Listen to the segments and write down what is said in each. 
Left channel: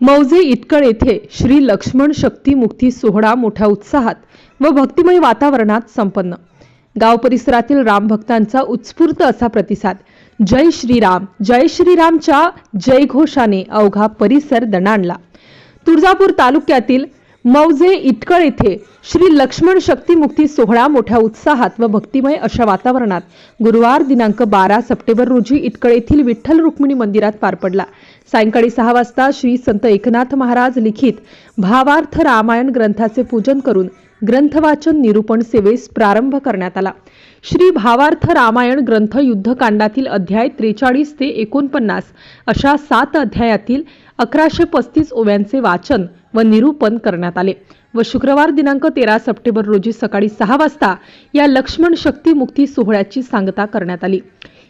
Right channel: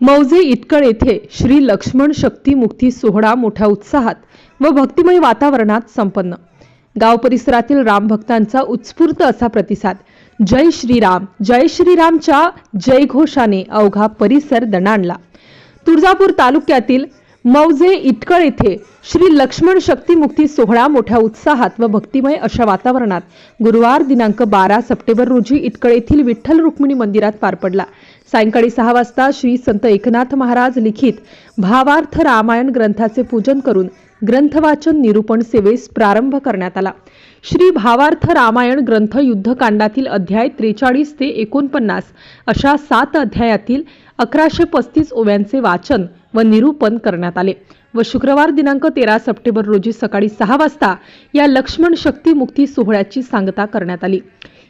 मौजे इटकळ येथे श्री लक्ष्मण शक्ती मुक्ती सोहळा मोठ्या उत्साहात व भक्तिमय वातावरणात संपन्न. गाव परिसरातील रामभक्तांचा उत्स्फूर्त असा प्रतिसाद. जय श्रीराम जय श्रीरामच्या जयघोषाने अवघा परिसर दणाणला. तुळजापूर तालुक्यातील मौजे इटकळ येथे श्री लक्ष्मण शक्ती मुक्ती सोहळा मोठ्या उत्साहात व भक्तिमय अशा वातावरणात. गुरुवार दिनांक बारा सप्टेंबर रोजी इटकळ येथील विठ्ठल रुक्मिणी मंदिरात पार पडला. सायंकाळी सहा वाजता श्री संत एकनाथ महाराज लिखित भावार्थ रामायण ग्रंथाचे पूजन करून ग्रंथवाचन निरूपण सेवेस प्रारंभ करण्यात आला. श्री भावार्थ रामायण ग्रंथ युद्धकांडातील अध्याय त्रेचाळीस ते एकोणपन्नास अशा सात अध्यायातील अकराशे पस्तीस ओव्यांचे वाचन व निरूपण करण्यात आले. व शुक्रवार दिनांक तेरा सप्टेंबर रोजी सकाळी सहा वाजता या लक्ष्मण शक्ती मुक्ती सोहळ्याची सांगता करण्यात आली.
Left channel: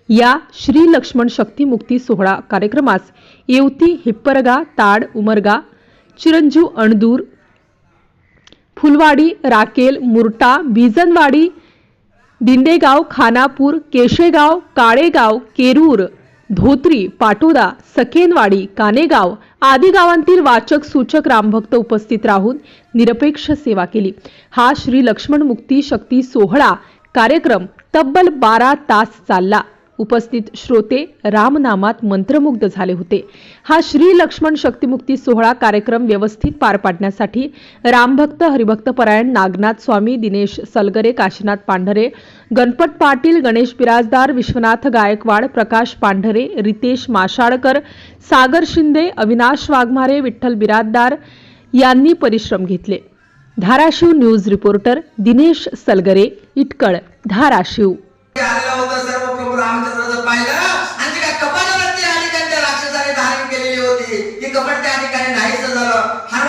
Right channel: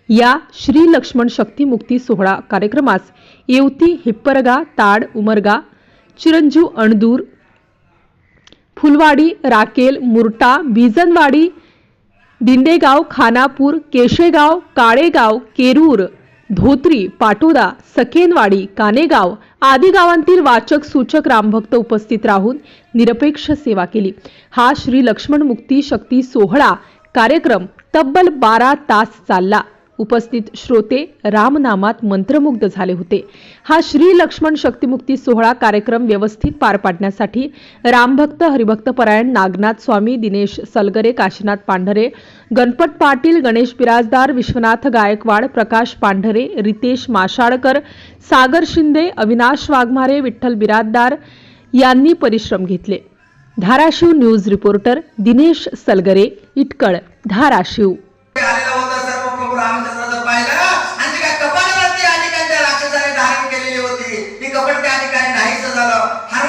या श्री लक्ष्मण शक्ती मुक्ती सोहळा कार्यक्रमास येवती हिप्परगा ताड उमरगा चिरंजीव अणदूर फुलवाडी राकेल मुरटा बिजनवाडी दिंडेगाव खानापूर केशेगाव काळेगाव केरूर धोत्री पाटोदा सकेनवाडी कानेगाव आदी गावांतील वाचक सूचक रामभक्त उपस्थित राहून निरपेक्ष सेवा केली. हा श्री लक्ष्मण मुक्ती शक्ती सोहळा कार्यक्रम तब्बल बारा तास चालला. उपस्थित श्रोते रामनामात मंत्रमुग्ध झाले होते. हा श्री लक्ष्मण शक्तिमुक्ती सोहळा कार्यक्रम व्यवस्थित पार पाडण्यासाठी रामभक्त हरिभक्त परायण नागनाथ स्वामी दिनेश सलगरे काशीनाथ पांढरे गणपत पाटील गणेश बिराजदार विश्वनाथ गायकवाड प्रकाश पांढरे रितेश माशाळकर सागर शिंदे अविनाश वाघमारे विठ्ठल बिराजदार यांनी परिश्रम घेतले. धाराशिव न्यूज रिपोर्टर दिनेश सलगरे इटकळ धाराशिव आलेला होता सर्व प्रभू रामचंद्राचा पाहिला आणि ती काय कपाटावरती या ठिकाणी त्या राक्षसाने धारण केलेली होती ती कपट त्या ठिकाणी नाहीच झालं. हा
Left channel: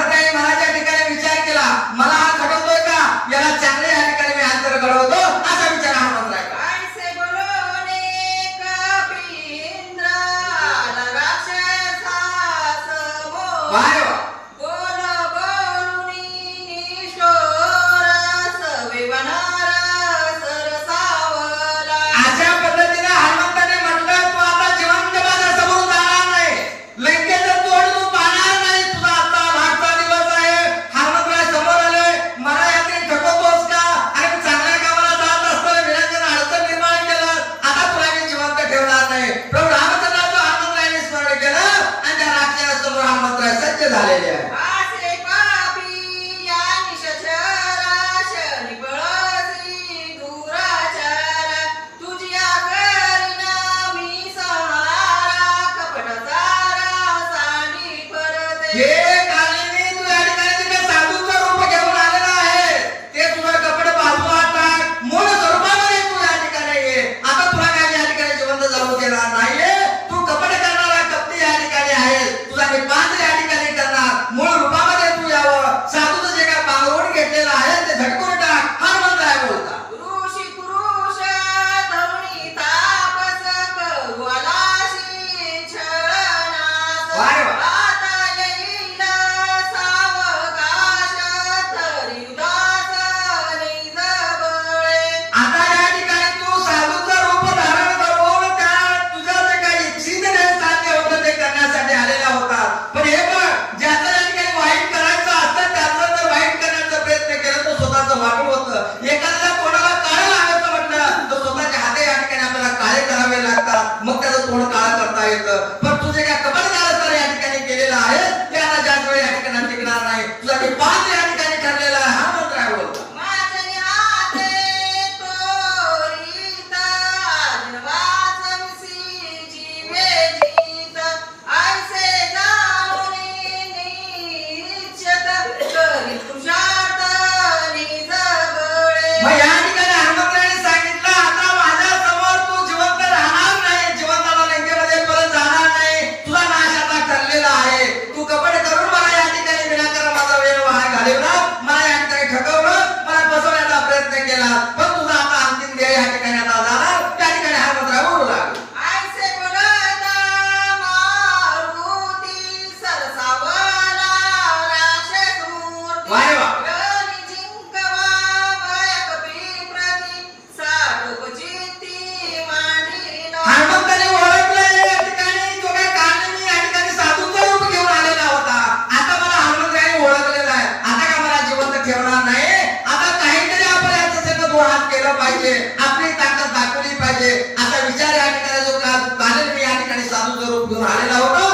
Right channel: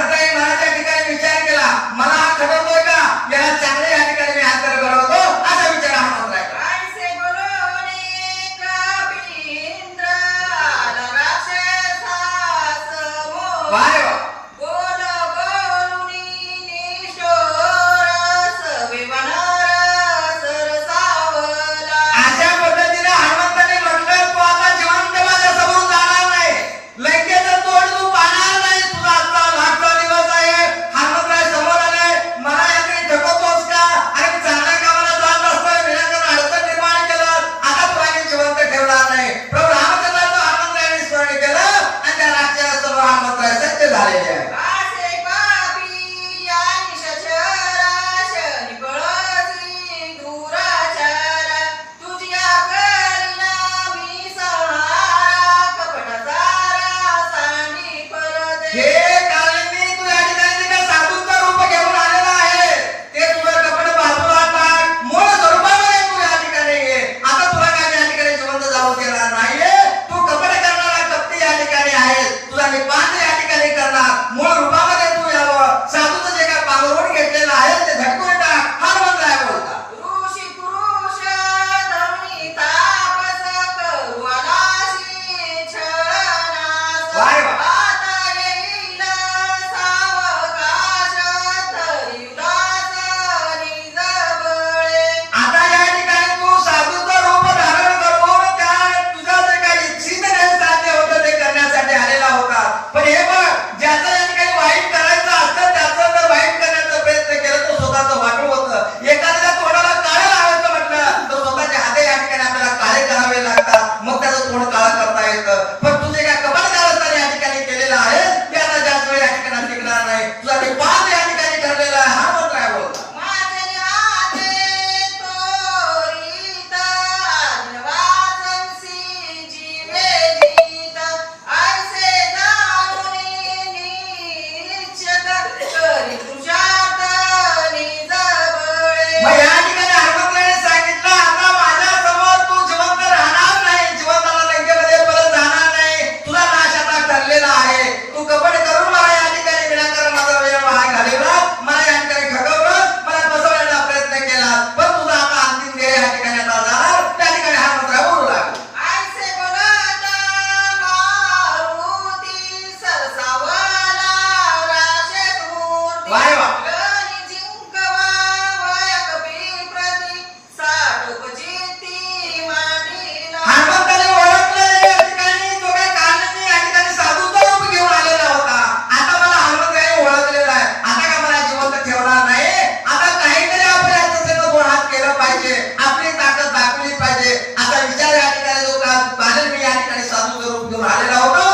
आलेला होता.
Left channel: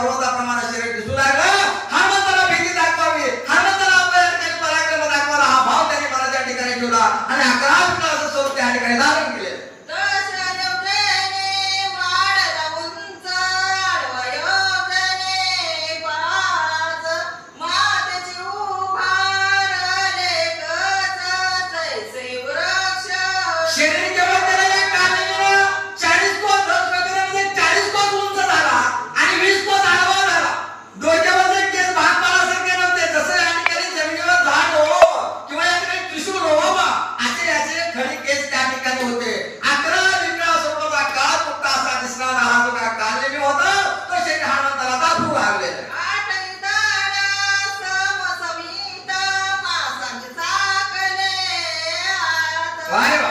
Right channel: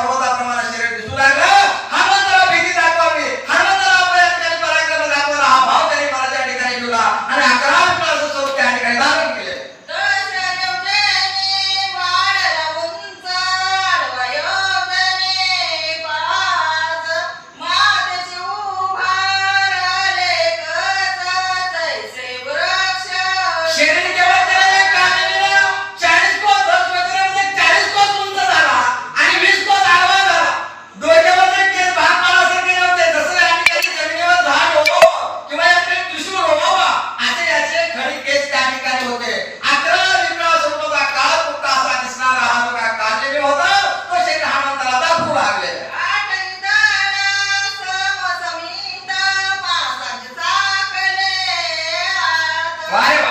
पर्वताप्रमाणे शरीर दिसू लागलं. हनुमंत त्याला भीती दाखवावी. हनुमंत त्याला आपल्या ठिकाणी पराक्रम दाखवायला हा भाव त्याने मला त्या ठिकाणी ठेवला. आणि अकरा मुलाचं स्वरूप त्या ठिकाणी धारण केले. शरीर はい。